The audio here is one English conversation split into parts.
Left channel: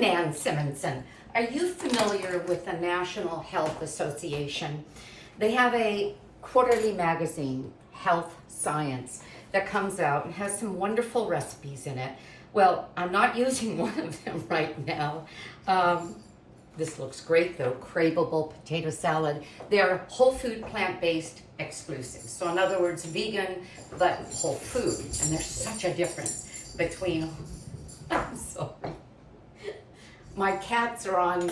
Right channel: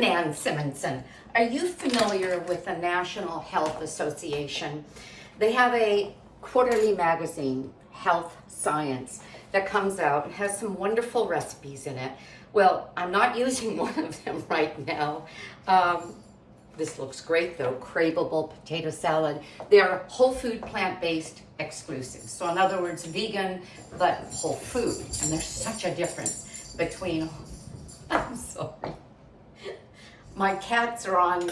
I'm Nan Simonson. Are you familiar with the National Health Association? They have a quarterly magazine, Health Science, that comes out and has some wonderful recipes in it. Well, I'm not using one of them right now. This looks great though, craveable potato salad. They're whole food, plant-based exclusives. So in other words, vegan, but whole food. And there's such a difference between, I'm sorry. My cats are on,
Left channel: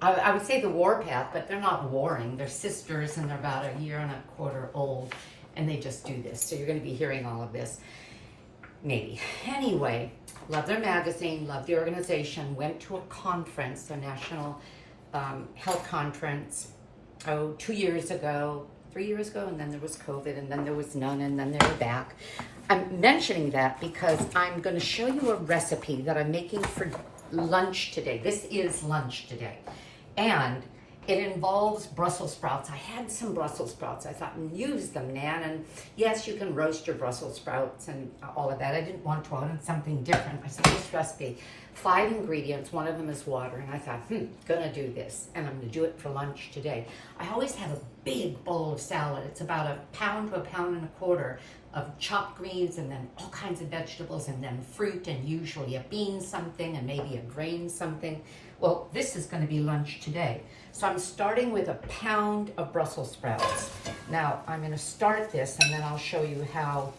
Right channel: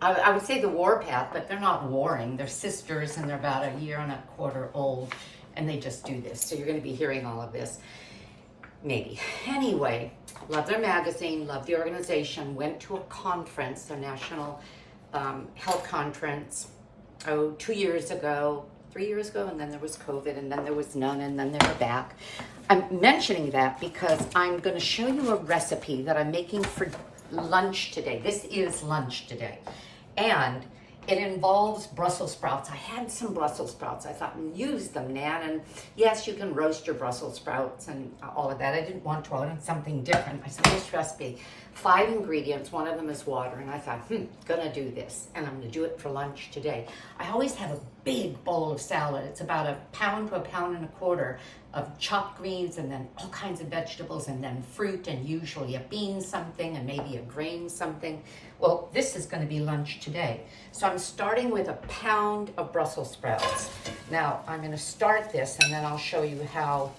I would say the war path, but they're not warring. They're sisters and they're about a year and a quarter old and they just do this. So you're gonna be hearing all of this, maybe. Anyway, love their magazine, love the organization, went to a conference, a national health conference, 2 years ago, 3 years ago, and then there was COVID, and then there was none, and then they were back. I'm mentioning that because I'm gonna show you a recipe that I'm making for lunch today. This is lunch today. And it involves Brussels sprouts. I had some Brussels sprouts. I thought, use them, Nan. And yes, you can roast your Brussels sprouts and all of that. I didn't want to. I wanted something different. I said, this recipe, 5 ingredients. One of them is water. And I thought, gonna do this. And I'm gonna do it for lunch today. I always have a big bowl of salad. It's about 1 pound to 1.25 pounds of chopped greens and then all kinds of vegetables and then fruit and usually a bean something and maybe a grain something. Well, this is going to be lunch today. So I'm starting with 1 pound of Brussels sprouts. Now I'm going to start this and then I'll show you how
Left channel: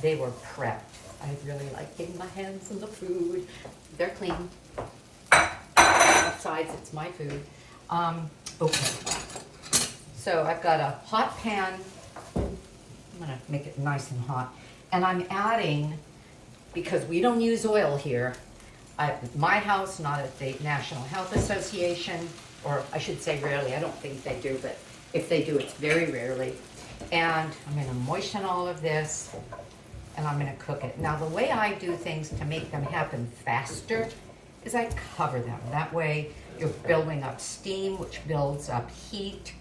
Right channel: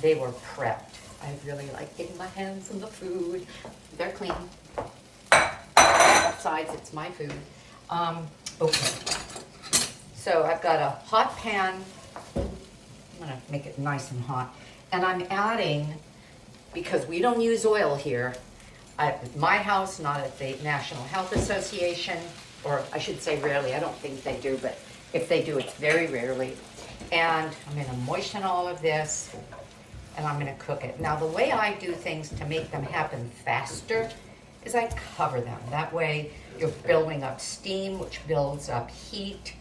they were prepped. I really like getting my hands in the food. They're clean. Besides, it's my food. Okay. So I've got a hot pan. I'm gonna make it nice and hot. And I'm adding, because we don't use oil here, at my house, not at the National Health Association, or I should say rarely, I don't think they do, but if they do, it's very rarely. And I'm gonna moisten all of this, and I'm gonna cook it. Now, the way I do things to make them happen faster is I cover them. That way, you're building up steam, which builds up heat,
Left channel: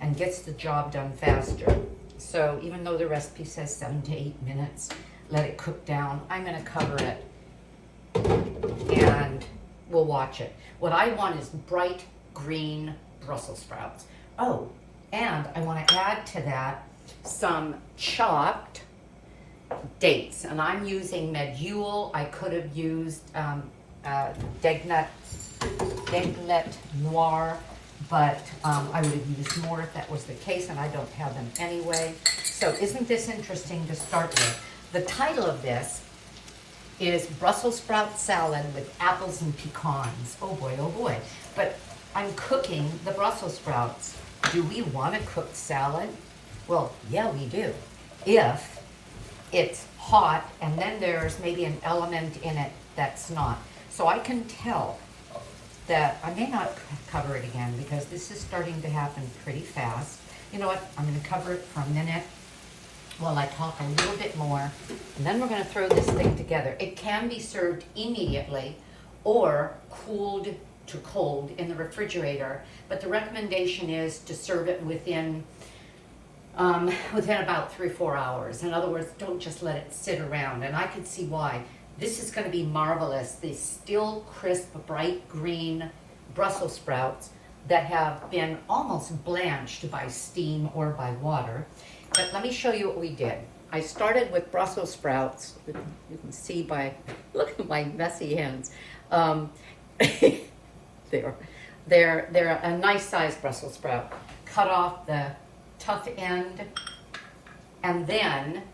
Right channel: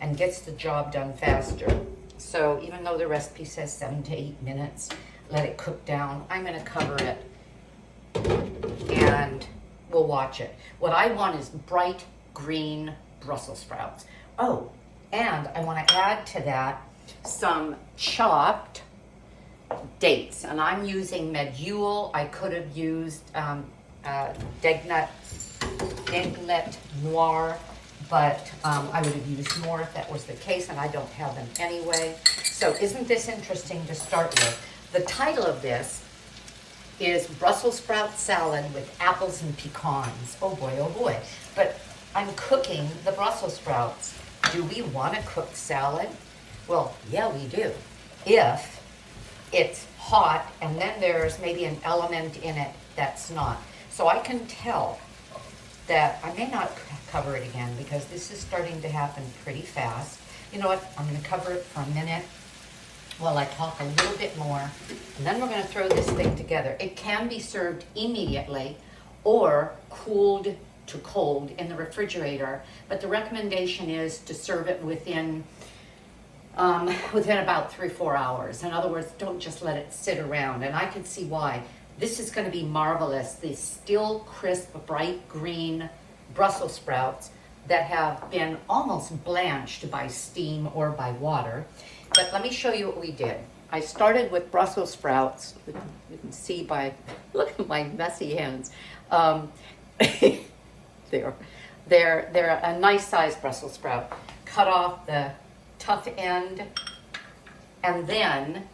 and gets the job done faster. So even though the recipe says 7 to 8 minutes, let it cook down. I'm gonna cover it and we'll watch it. What I want is bright green Brussels sprouts. Oh, and I wanna add to that some chopped dates. And I'm using medjool. I could have used Deglet Noir, but I would have used more if that was the case, and I don't have them anyway. So isn't this interesting to start with? The title of this is Brussels sprout salad with apples and pecans. Oh boy, oh boy. But I'm cooking the Brussels sprouts. Do we want to cook salad? Well, yeah, we do. If it's hot and then there's maybe an element in it that's not. So I can tell that I may not cover it again because this is starting to happen pretty fast. You know what? I'm going to cover it for a minute while I talk a little bit more, and then we're going to throw this thing together. It can be served immediately or cooled to cold in the refrigerator, but the recommendation is to serve it within about 3 or 4 hours. In other words, don't just let it sit around, and I can see why. This is going to be marvelous. These still crisp, bright green Brussels sprouts that have been almost blanched by steam or by water. But let me show you what we did. I started with Brussels sprouts. You can see by, look at my messy hands. They're a nice sized Brussels sprout. Cut off the tough end and then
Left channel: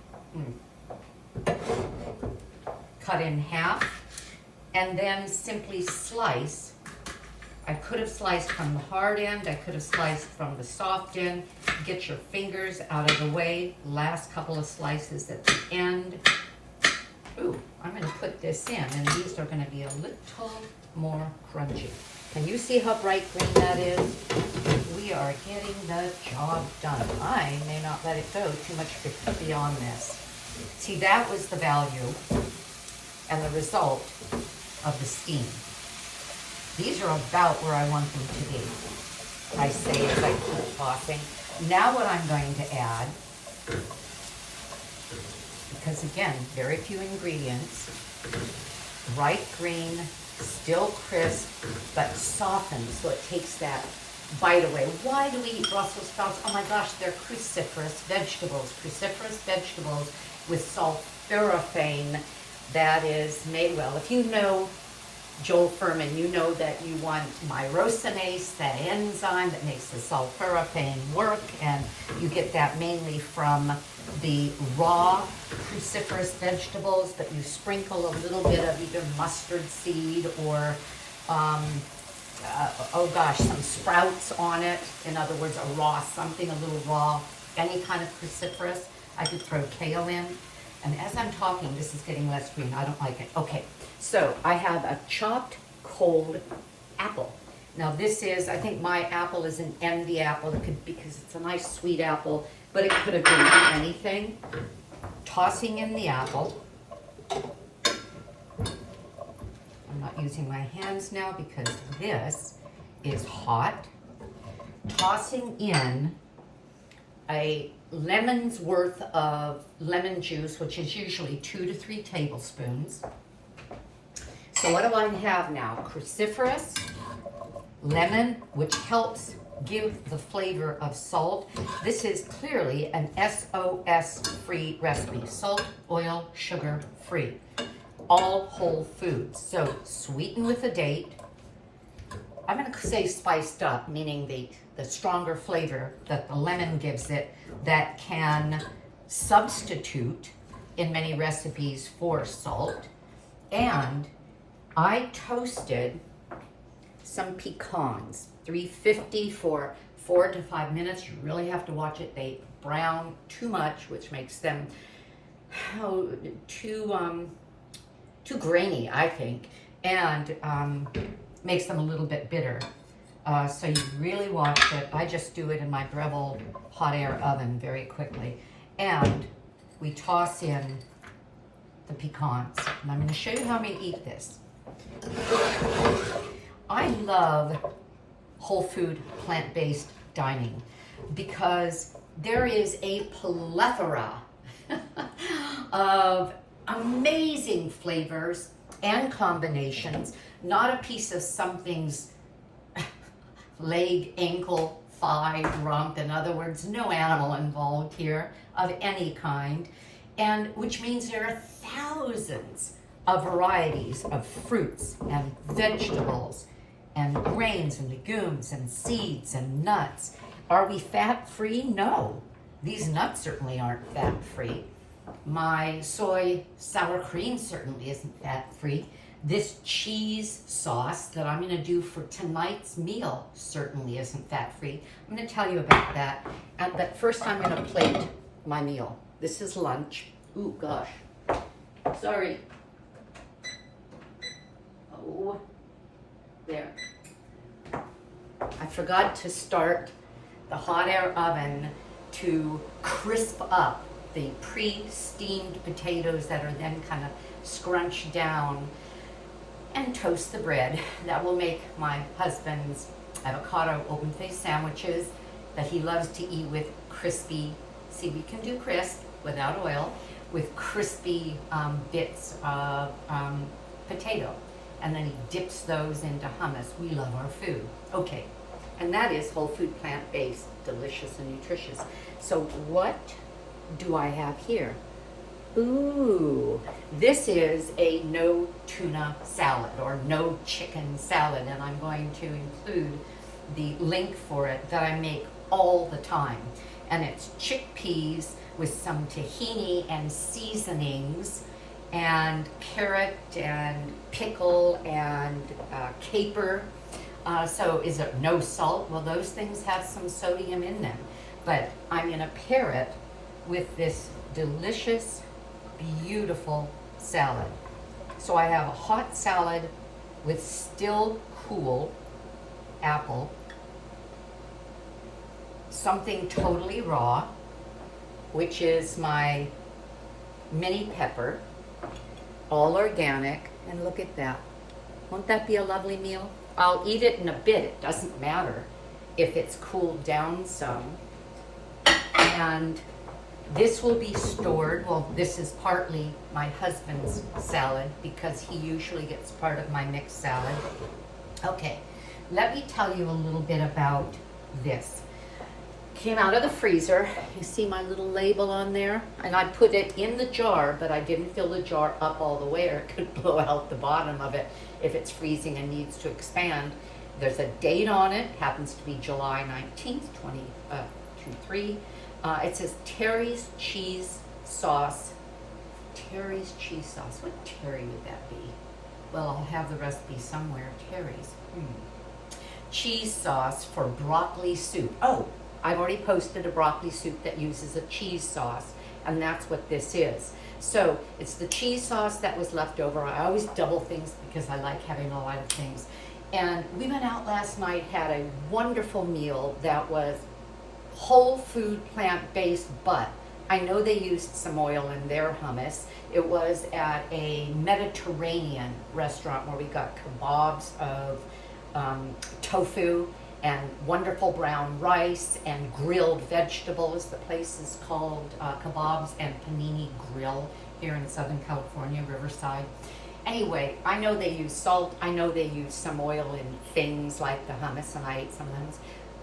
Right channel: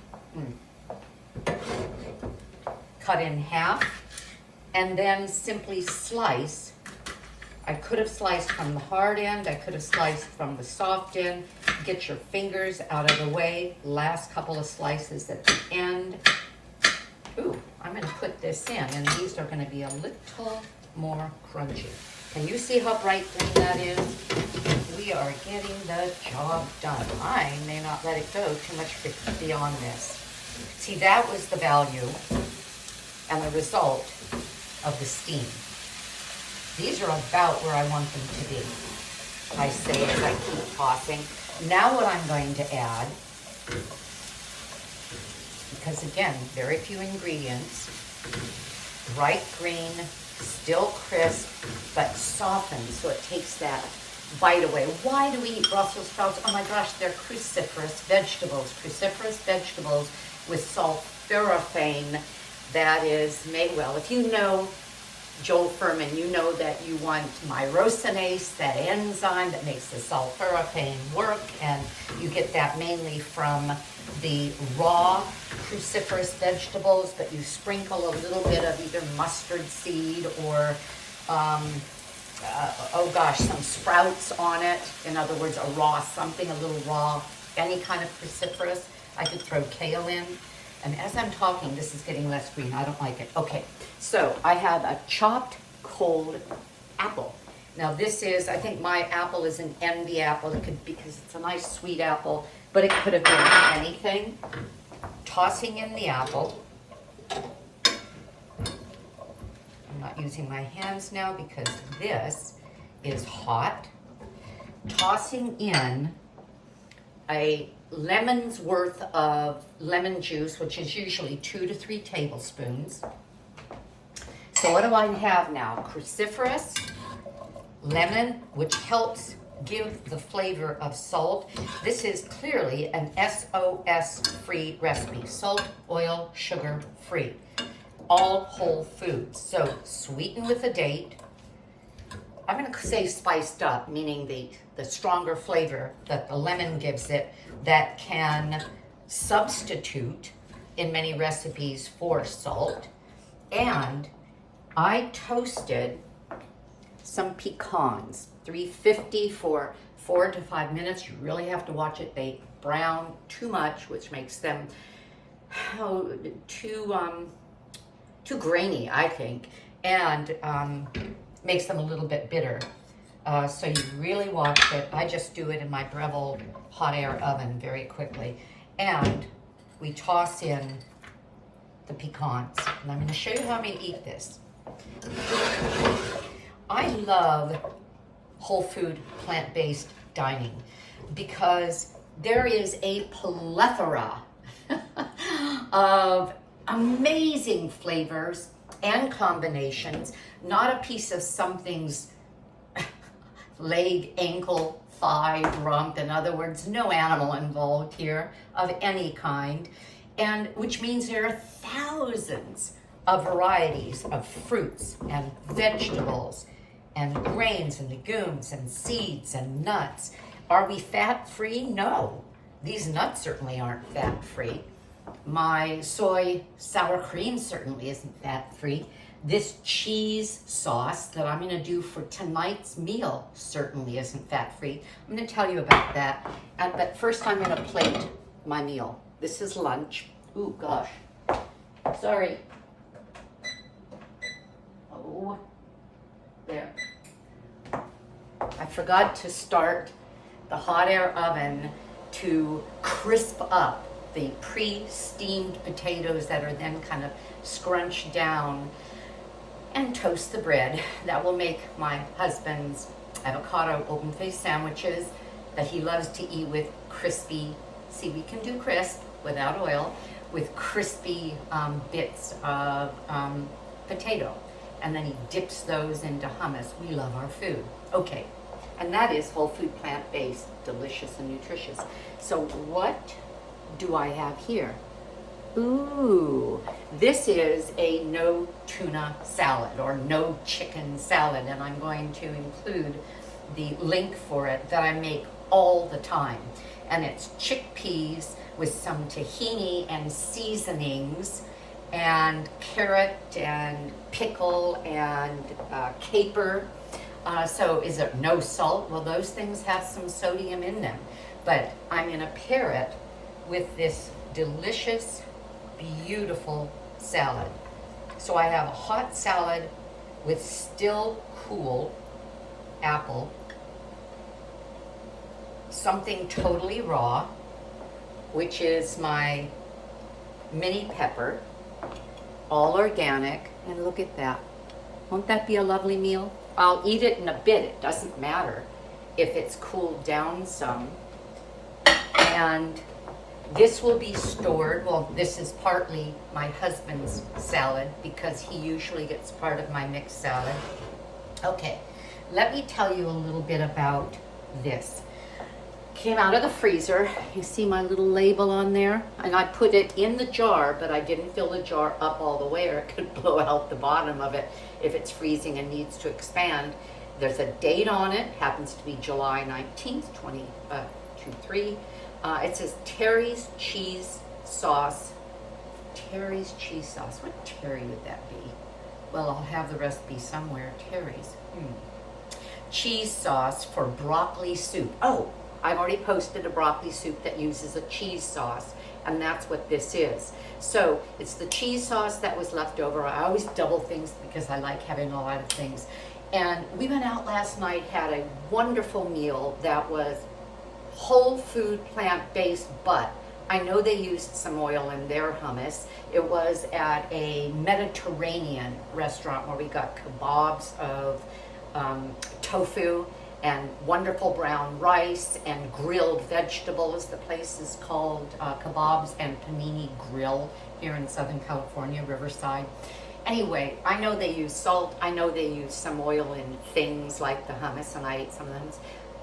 cut in half and then simply slice. I could have sliced from the hard end, I could have sliced from the soft end. Get your fingers out of the way. Last couple of slices at the end. Ooh, I'm gonna put this in and these are gonna be a little more crunchy. Can you see how bright green that is? We are getting the job done. I may not let it go too much beyond this. See, that was the value and the result of the steam. These are about where I want them to be. I say as I keep tossing. Now what I'm going to add, because again, very few ingredients, bright green, still crisp, but softened, so it takes that bite away. Why do we eat Brussels sprouts? Oh my gosh, they're cruciferous vegetables with sulforaphane that is made, well, if you know Joel Furman, you know that you want myrosinase, that enzyme that makes the sulforaphane work, and you get that mainly from the raw cruciferous vegetables, but you sprinkle a little bit of either mustard seed or, some sprouts on it. In other words, a little raw, any kind of cruciferous. I could throw kale in. And as I'm talking, this is getting less green. I don't like it. Okay, so I have a chopped cold apple. Now this is, I think my apple is an envy apple. It could, because it's a nice sweet apple, but it could have been anything. Tossing in the apple. I'm not using my hands now because this is hot. Tossing in a lemon's worth of lemon juice, which is usually 2 to 3 tablespoons. So what do I have now? Cruciferous, lemon, which helps give the flavor of salt. This is clearly an SOS-free recipe. Salt, oil, sugar free. All whole foods. So sweeten with a date. I'm going to say spiced up, meaning the stronger flavor that the lemon gives it that can substitute in many recipes for salt. And I toasted some pecans, 350 for 4 to 5 minutes. You really have to watch it. They brown too much, which makes them too grainy, I think, and makes them a little bit bitter. So you really watch it. I just do it in my Breville hot air oven very quickly. And we toss in the pecans. And I'm going to show you how I'm going to eat this. I love whole food, plant-based dining because there is a plethora of amazing flavors and combinations. Not a piece of something's leg, ankle, thigh, rump. In other words, no animal involved here of any kind. And which means there are thousands of varieties of fruits and vegetables and grains and legumes and seeds and nuts. Are we fat-free? No. These nuts certainly aren't fat-free. My soy sour cream certainly isn't fat-free. This cheese sauce that I'm going to do for tonight's meal certainly isn't fat-free. I'm going to tell you about that. But first I'm going to plate my meal. This is lunch. Ooh, gosh. Sorry. Oh, there. I forgot to start the hot air oven to crisp up the pre-steamed potatoes that are then kind of scrunched down, and toast the bread. That will make my husband's avocado open-faced sandwiches that he loves to eat with crispy, see, we can do crisp without oil, with crispy bits of potato. And then he dips those into hummus. We love our food. Okay, and that is whole food, plant-based, delicious and nutritious. So what do I have here? Ooh, this is a no tuna salad or no chicken salad, and I'm going to include the link for it that I make all the time. And it's chickpeas with some tahini and seasonings and carrot and pickle and caper. So is it no salt? Well, those things have some sodium in them, but I'm going to pair it with this delicious, beautiful salad. So I have a hot salad with still cool apple, something totally raw, which is my mini pepper, all organic, and look at that. Won't that be a lovely meal? I'll eat it in a bit. It doesn't matter if it's cooled down some. And This will be stored. Well, this is partly my husband's salad because he usually gets part of my mixed salad. Okay, let me tell you a little bit about this. Came out of the freezer. You see my little label on there? And I put it in the jar, but I didn't fill the jar up all the way or it could blow out the bottom of it if it's freezing and needs to expand. There's a date on it, happens to be July 19th, 2023. It says Terry's cheese sauce. Terry's cheese sauce. What Terry would that be? Well, I'll have the recipe somewhere. Terry's. Cheese sauce for broccoli soup. Oh, I've already posted a broccoli soup that uses a cheese sauce, and that's what this is. So it's the cheese sauce that was left over. I always double things because I like having a lot of things. And we went out last night, had a wonderful meal that was whole food, plant-based, but I know they used some oil in their hummus. It was at a Mediterranean restaurant where we got kebabs of tofu and wonderful brown rice and grilled vegetables. The place is called Kebabs and Panini Grill here in Southern California, Riverside. Anyway, I know they use salt. I know they use some oil in things like the hummus, and I ate some of the hummus.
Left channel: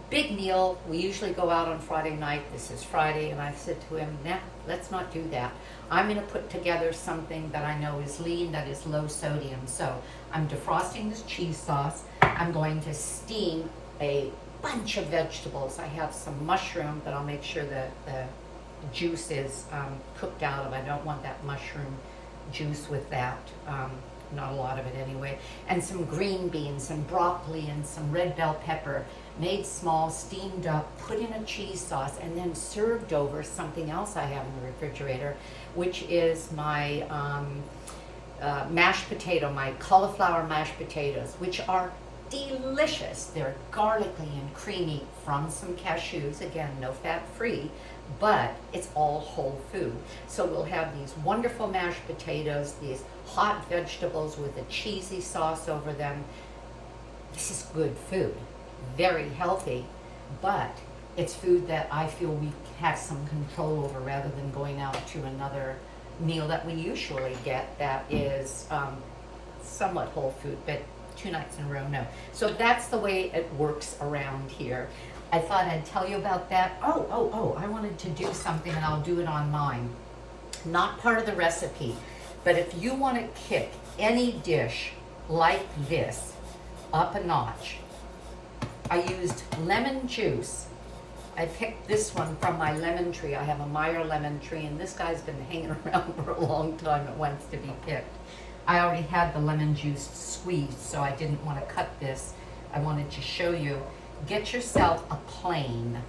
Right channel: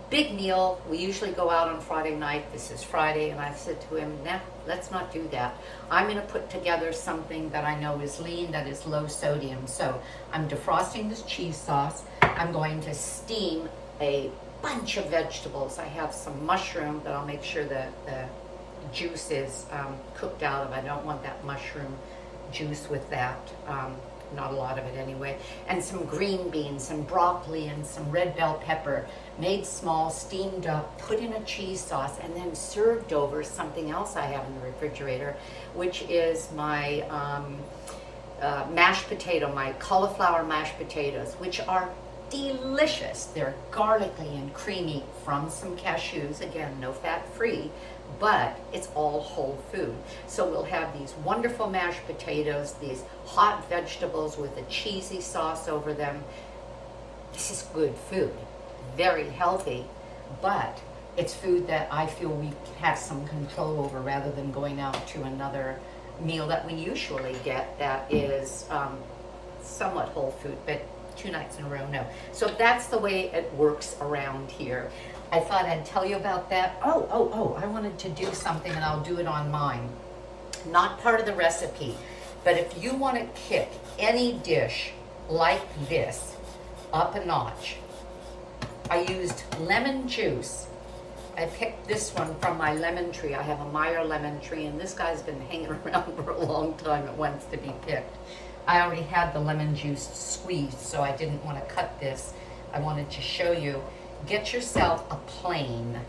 Big meal. We usually go out on Friday night. This is Friday, and I said to him, nah, let's not do that. I'm going to put together something that I know is lean, that is low sodium. So I'm defrosting this cheese sauce. I'm going to steam a bunch of vegetables. I have some mushroom that I'll make sure that the juice is cooked out of. I don't want that mushroom juice with that. Not a lot of it anyway. And some green beans and broccoli and some red bell pepper, made small, steamed up, put in a cheese sauce, and then served over something else I have in the refrigerator, which is my mashed potato, my cauliflower mashed potatoes, which are delicious. They're garlicky and creamy from some cashews. Again, no fat free, but it's all whole food. So we'll have these wonderful mashed potatoes, these hot vegetables with a cheesy sauce over them. This is good food, very healthy, but it's food that I feel we have some control over rather than going out to another meal that we usually get that is somewhat whole food, but 2 nights in a row, no. So that's the way it works around here. I thought I'd tell you about that. Oh, I wanted to do something, and I'll do it on mine. Not part of the recipe, but if you want to kick any dish like this up a notch, I used lemon juice. I picked this one from my lemon tree. I have a Meyer lemon tree, and this guy's been hanging around for a long time. It wants to be picked. I already had the lemon juice squeezed, so I didn't want to cut this. I wanted to show you. Get yourself a plain,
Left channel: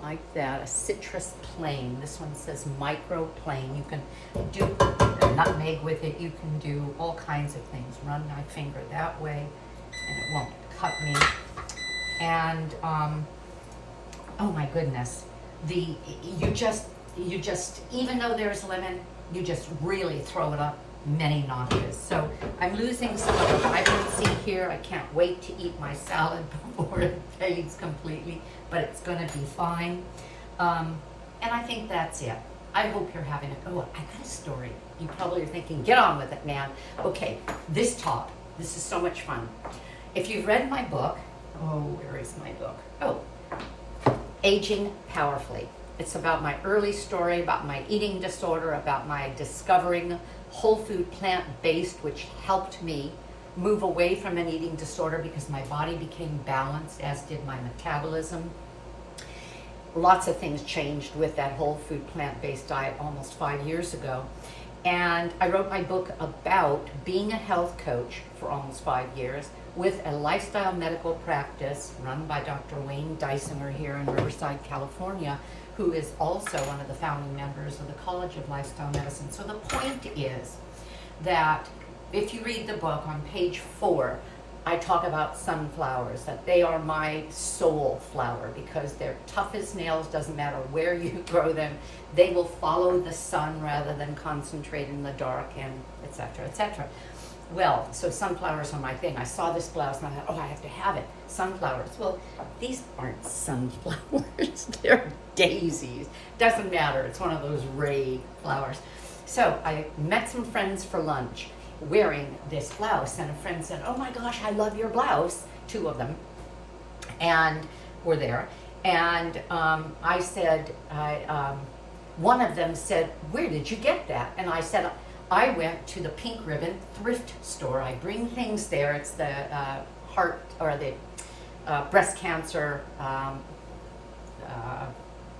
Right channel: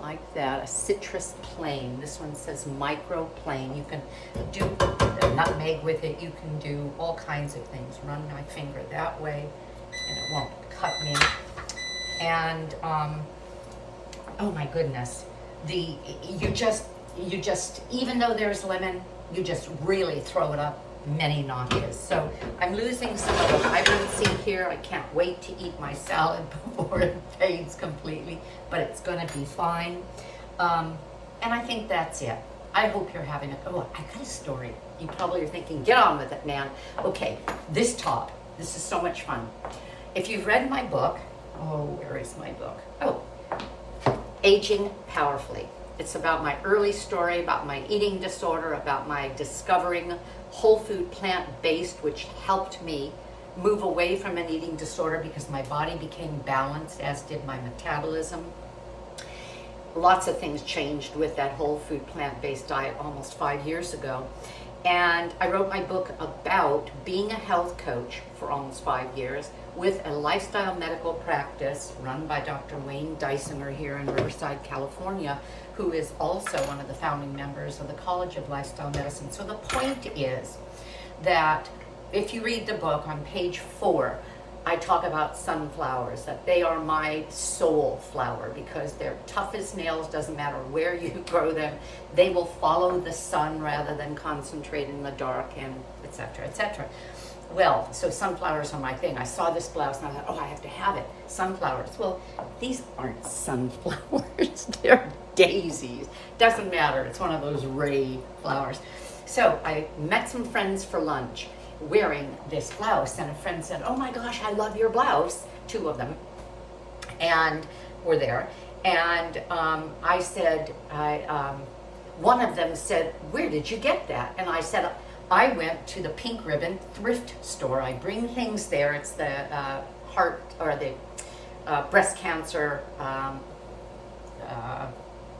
like that, a citrus plain. This one says micro plain. You can do a nutmeg with it. You can do all kinds of things. Run my finger that way, and it won't cut me. And oh my goodness, you just even though there's lemon, you just really throw it up many notches. So I'm losing some of the vibrancy here. I can't wait to eat my salad before it fades completely, but it's going to be fine. And I think that's it. I hope you're having I got a story. You probably are thinking, get on with it, man. Okay, this top. This is so much fun. If you've read my book, where is my book? Aging Powerfully. It's about my early story, about my eating disorder, about my discovering whole food, plant-based, which helped me move away from an eating disorder because my body became balanced, as did my metabolism. Lots of things changed with that whole food, plant-based diet almost 5 years ago. And I wrote my book about being a health coach for almost 5 years with a lifestyle medical practice run by Dr. Wayne Dysoner here in Riverside, California, who is also one of the founding members of the College of Lifestyle Medicine. So the point is that if you read the book on page 4, I talk about sunflowers, that they are my soul flower because they're tough as nails, doesn't matter where you grow them. They will follow the sun rather than concentrate in the dark, and et cetera, et cetera. Well, so sunflowers are my thing. I saw this blouse and I thought, oh, I have to have it. Sunflowers. Well, these aren't sunflowers. They're daisies. Doesn't matter. It's one of those ray flowers. So I met some friends for lunch wearing this blouse, and a friend said, oh my gosh, I love your blouse. Two of them, and were there. And I said, one of them said, where did you get that? And I said, I went to the Pink Ribbon thrift store. I bring things there. It's the heart or the breast cancer.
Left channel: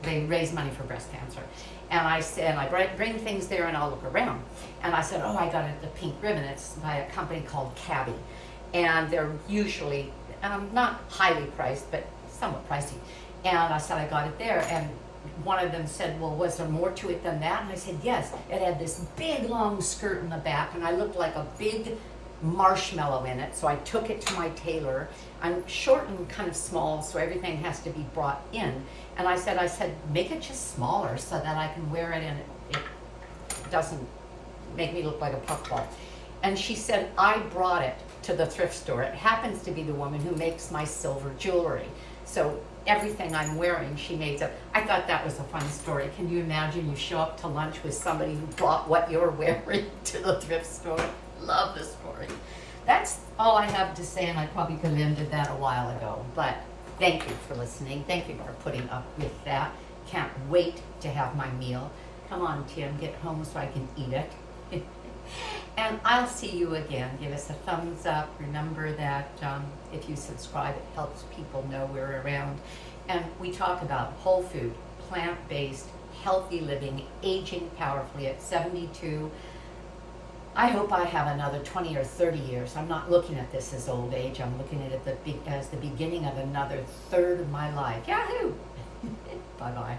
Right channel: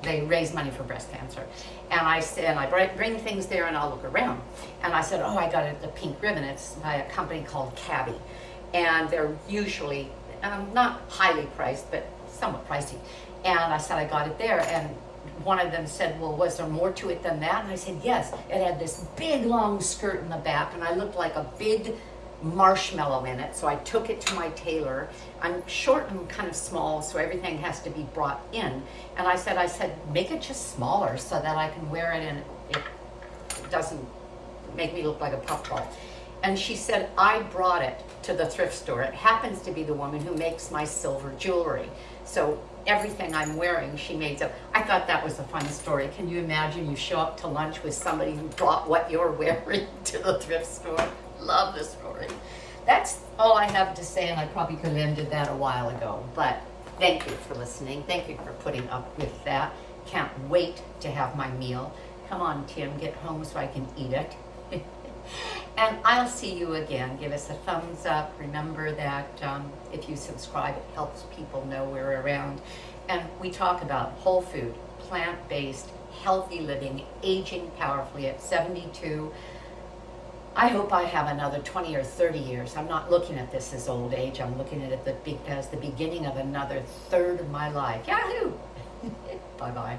They raise money for breast cancer. And I said, I bring things there and I'll look around. And I said, oh, I got it at the Pink Ribbon. It's by a company called Cabby. And they're usually not highly priced, but somewhat pricey. And I said, I got it there. And one of them said, well, was there more to it than that? And I said, yes. It had this big, long skirt in the back, and I looked like a big marshmallow in it. So I took it to my tailor. I'm short and kind of small, so everything has to be brought in. And I said, make it just smaller so that I can wear it and it doesn't make me look like a puffball. And she said, I brought it to the thrift store. It happens to be the woman who makes my silver jewelry. So everything I'm wearing, she made up. I thought that was a fun story. Can you imagine you show up to lunch with somebody who brought what you're wearing to the thrift store? Love the story. That's all I have to say, and I probably could have ended that a while ago. But thank you for listening. Thank you for putting up with that. Can't wait to have my meal. Come on, Tim, get home so I can eat it. And I'll see you again. Give us a thumbs up. Remember that if you subscribe, it helps people know we're around. And we talk about whole food, plant-based, healthy living, aging powerfully at 72. I hope I have another 20 or 30 years. I'm not looking at this as old age. I'm looking at it as the beginning of another third of my life. Yahoo! Bye-bye.